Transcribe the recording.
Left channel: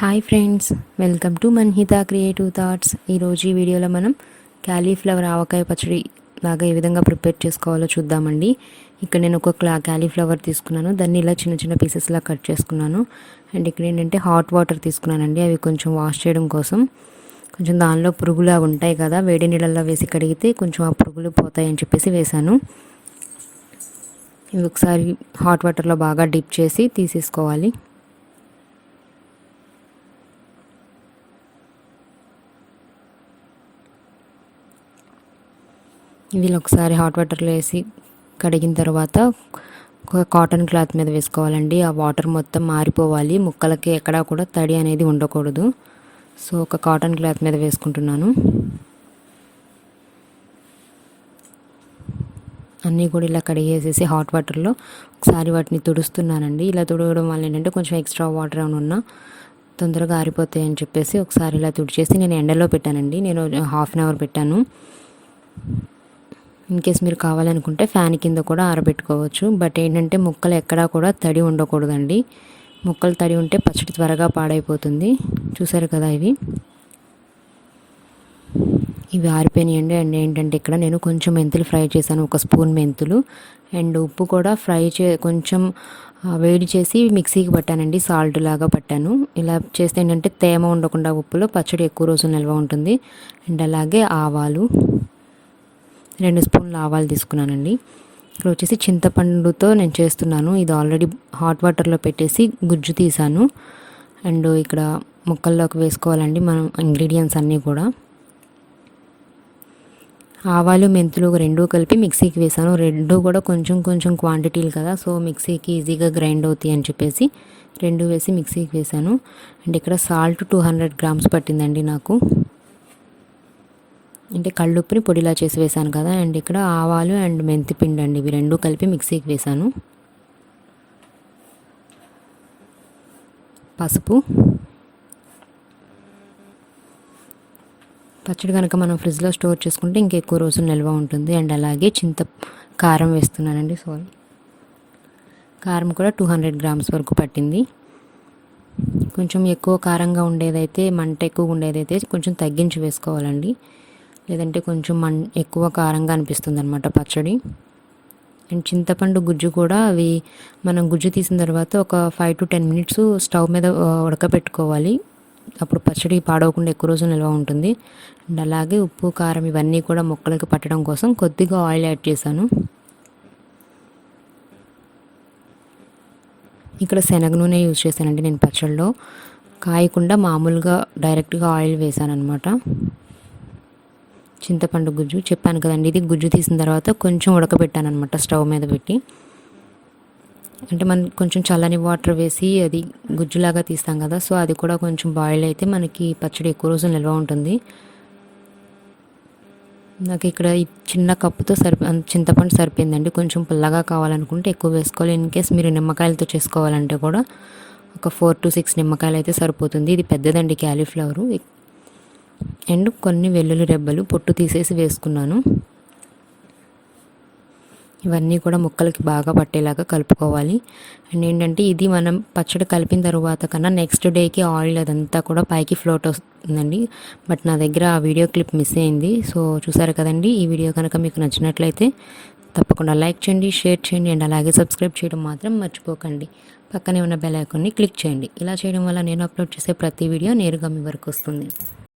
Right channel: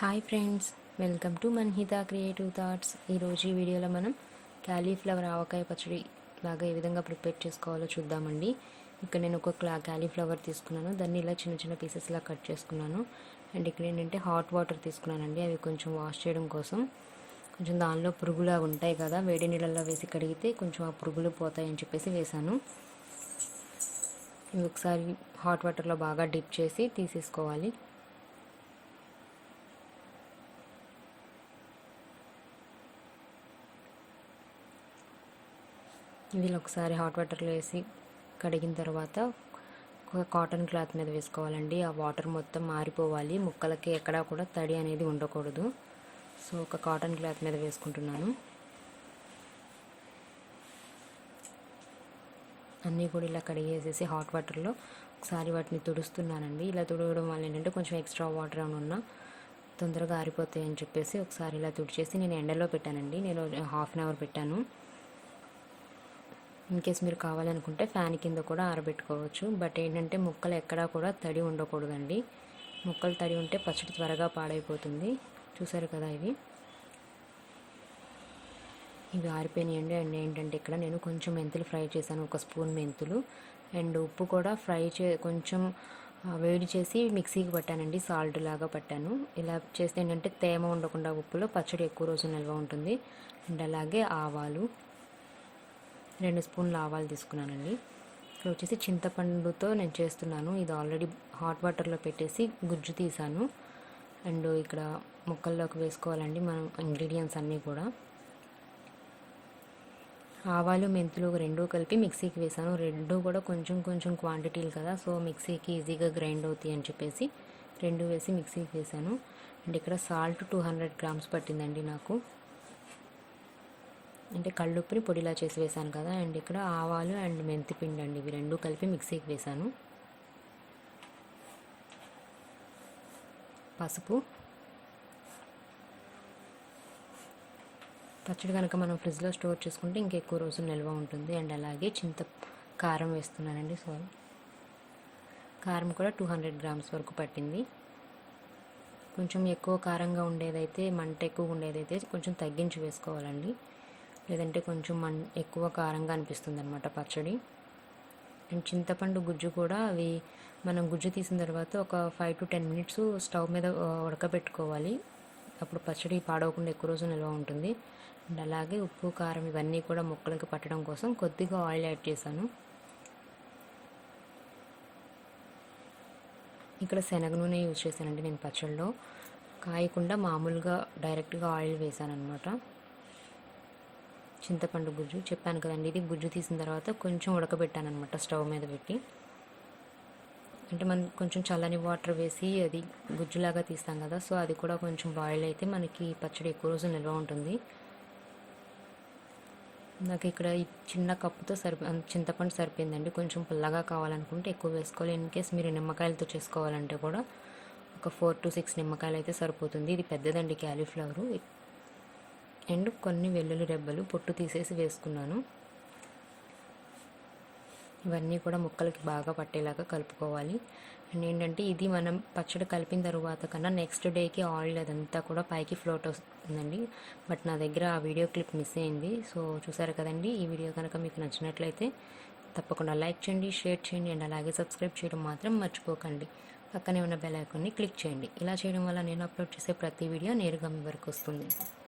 Hi friends, welcome to Manhita creative thoughts. ఈరోజు ఈ వీడియోలో మనం క్యాలీఫ్లవర్ ఆవకాయ పచ్చడి లాగా ఏ విధంగా ప్రిపేర్ చేసుకోవాలో చూద్దామండి. ఇక్కడ నేను ఒక క్యాలీఫ్లవర్ తీసుకున్నాను, దాన్ని ఇలా చిన్న చిన్న పీసెస్లా కట్ చేసుకున్నాను. అండ్ ఇక్కడ ఏంటంటే హాట్ వాటర్ తీసుకున్నానండి, అవి కొంచెం వాష్ చేయడం కోసం. కొంచెం దానిలో పురుగులు అవి ఉంటాయి కదా, వేడి నీళ్ళల్లో వేసి కడిగితే కొంచెం ఆ పురుగులు పోతాయి అని చెప్పేసి వేశాను. ఇవి ఒకసారి హాట్ వాటర్లో బాగా డిప్ చేసి తీసేసుకోవాలి. వీళ్ళు ఒకసారి హాట్ వాటర్లో వేసి కడిగిన తర్వాత ఒక కాటన్ క్లాత్ మీద వేసుకోవాలండి. ఆ వాటర్ మొత్తం మారిపోవాలి, ముక్కలకి ఎక్కడా కూడా తడి అనేది ఉండకూడదు. సో ఒక కాటన్ క్లాత్ మీద వేసుకుంటున్నాను. అన్నీ కూడా ఇలా కడిగేసేసి హాట్ వాటర్లో ఒకసారి వాటిని తుడుస్తున్నానండి. ఇలా తుడవడం వల్ల ఏంటంటే కొంచెం ఎక్స్ట్రా వాటర్ ఏమైనా ఉన్నా తొందరగా ఆరిపోతాయి అని చెప్పేసి ఒకసారి ఇలా తుడిచేసి నేను ఎండలో పెట్టానండి. నేను హాఫ్ అన్ అవర్ పెట్టాను. ఇన్ కేస్ మీరు కావాలనుకుంటే ఫ్యాన్ కింద కూడా ఆరబెట్టుకోవచ్చు. బట్ ఏంటంటే ముక్కలు ఎక్కడా కూడా తడి ఉండకూడదండి. ముక్కలు తడి ఉంటే పచ్చడి త్వరగా పాడైపోతుంది. చూసారు కదా, ఇవి ఆరిపోయినాయండి. అండ్ ఏంటంటే ఇక్కడ నేను కొంచెం మెంతులు ఫ్రై చేశాను, ఒక స్పూన్ మెంతులు. అండ్ ఉప్పు కూడా కొంచెం వేడి చేసి మిక్సీకి పట్టానండి, సాల్ట్ లాగా పట్టాను. ఇలా చేస్తే ఏంటంటే తేమ ఉండకుండా ఉప్పులో పచ్చడి ఎక్కువ రోజులు నిల్వ ఉంటుంది. అండ్ అలాగే ఆవాలు, 2 స్పూన్ల ఆవాలు తీసుకున్నానండి. ఇక్కడ వచ్చేసి చింతపండుతో నేను చేస్తున్నాను. ఇది ఆల్రెడీ హాట్ వాటర్లో పెట్టేసి గుజ్జు తీసాను. అండ్ ఇక్కడ ముక్కల్లోకి వేసుకోవాలండి మనం ఇంగ్రీడియంట్స్ అన్నీ కూడా. ఆవాలు మెంతులు రెండూ కలిపి మిక్సీకి వేసాను. రెండు కూడా కొంచెం కొంచెం క్వాంటిటీలు కదా, సో మిక్సీకి ఈజీగా గ్రైండ్ అవుతాయి అని చెప్పేసి రెండు వేసి మిక్సీకి వేసాను. అండ్ ఇక్కడ సాల్ట్ 200 గ్రామ్స్ పట్టిందండి నాకు. అంటే కళ్ళుప్పుని పొడిలా చేసి వేసాను కదా. అండ్ ఇక్కడ ఆవాలు అండ్ మెంతి పిండి అండి, ఇవి రెండు కలిపి మిక్సీకి వేసాను. పసుపు. పచ్చడి కనుక మనం ఫ్రిడ్జ్లో స్టోర్ చేసుకుంటే ఇంకెక్కువ రోజులు నిల్వ ఉంటుంది. అండ్ అలాగే కారం వేస్తున్నానండి. కారం కూడా 200 గ్రామ్స్ వరకు పట్టింది. కొంచెం ఎక్కువ కారంగా ఉండేదైతే, మంట ఎక్కువ ఉండేదైతే కొంచెం తగ్గించి వేసుకోవాలండి, లేదంటే కొంచెం ఎక్కువ కారంగా అనిపిస్తుంది అనమాట పచ్చడి. అండ్ చింతపండు గుజ్జు కూడా అవి మనం గుజ్జు తీసిన తర్వాత ఒక 5 to 10 మినిట్స్ స్టవ్ మీద ఉడకబెట్టుకోవాలి. అప్పుడు పచ్చడి పాడవకుండా ఎక్కువ రోజులు నిల్వ ఉంటుంది. అండ్ అలాగే ఉప్పు కారం ఇవన్నీ కూడా ముక్కలకి పట్టడం కోసం కొద్దిగా ఆయిల్ యాడ్ చేశాను. ఇక్కడ శనగ నూనె యూజ్ చేశానండి నేను పచ్చడిలో, కాయకుండా మామూలుగా డైరెక్ట్గా ఆయిల్ వేసాను అనమాట. చింతపండు గుజ్జు చెప్పాను కదండి, ఇది గుజ్జు తీసిన తర్వాత కొంచెం ఉడకబెట్టాను అనమాట స్టవ్ మీద పెట్టి. అంటే మనం కొంచెం చల్లని వాటర్ వేసి అది గుజ్జులాగా తీస్తాం కదా, సో అది కూడా కొంచెం బాయిల్ అయితే మనకి పచ్చడి ఎక్కువ రోజులు నిల్వ ఉంటుంది. నాకు ఇక్కడ ఈ చిన్న కప్పుతో చింతపండు సరిపోయిందండి. కొంచెం పుల్లగా కావాలనుకుంటే ఎక్కువ వేసుకోవాలి. ఇన్ కేస్ మీరు నిమ్మకాయలతో చేసుకోవాలంటే కూడా ఒక 4 to 6 నిమ్మకాయలు అయితే సరిపోతుంది. ఇది పెద్దదండి క్యాలీఫ్లవరు. అండ్ కొన్ని వెల్లుల్లి రెబ్బలు పొట్టు తీసేసి వేసుకున్నాను. ఇవన్నీ కూడా ముక్కలకి బాగా పట్టేలాగా కలుపుకోవాలి. అండ్ ఏంటంటే ఇది మనం పచ్చడి కలిపిన తర్వాత కన్నా నెక్స్ట్ డేకి ఆయిల్ అదంతా కూడా పైకి ఫ్లోట్ వస్తుందండి. బట్ నా దగ్గర ఆ వీడియో క్లిప్ మిస్ అయింది. సో చూసారు కదండి, ఈ వీడియో కనుక మీకు నచ్చినట్లయితే తప్పకుండా లైక్ చేయండి, షేర్ చేయండి, అండ్ అలాగే సబ్స్క్రైబ్ చేయడం మాత్రం మర్చిపోకండి. పక్కనే ఉన్న బెల్ ఐకాన్ని క్లిక్ చేయండి. ఇలా చేయడం వల్ల నేను అప్లోడ్ చేసే ప్రతి వీడియో నేరుగా మీ వరకు వస్తుంది.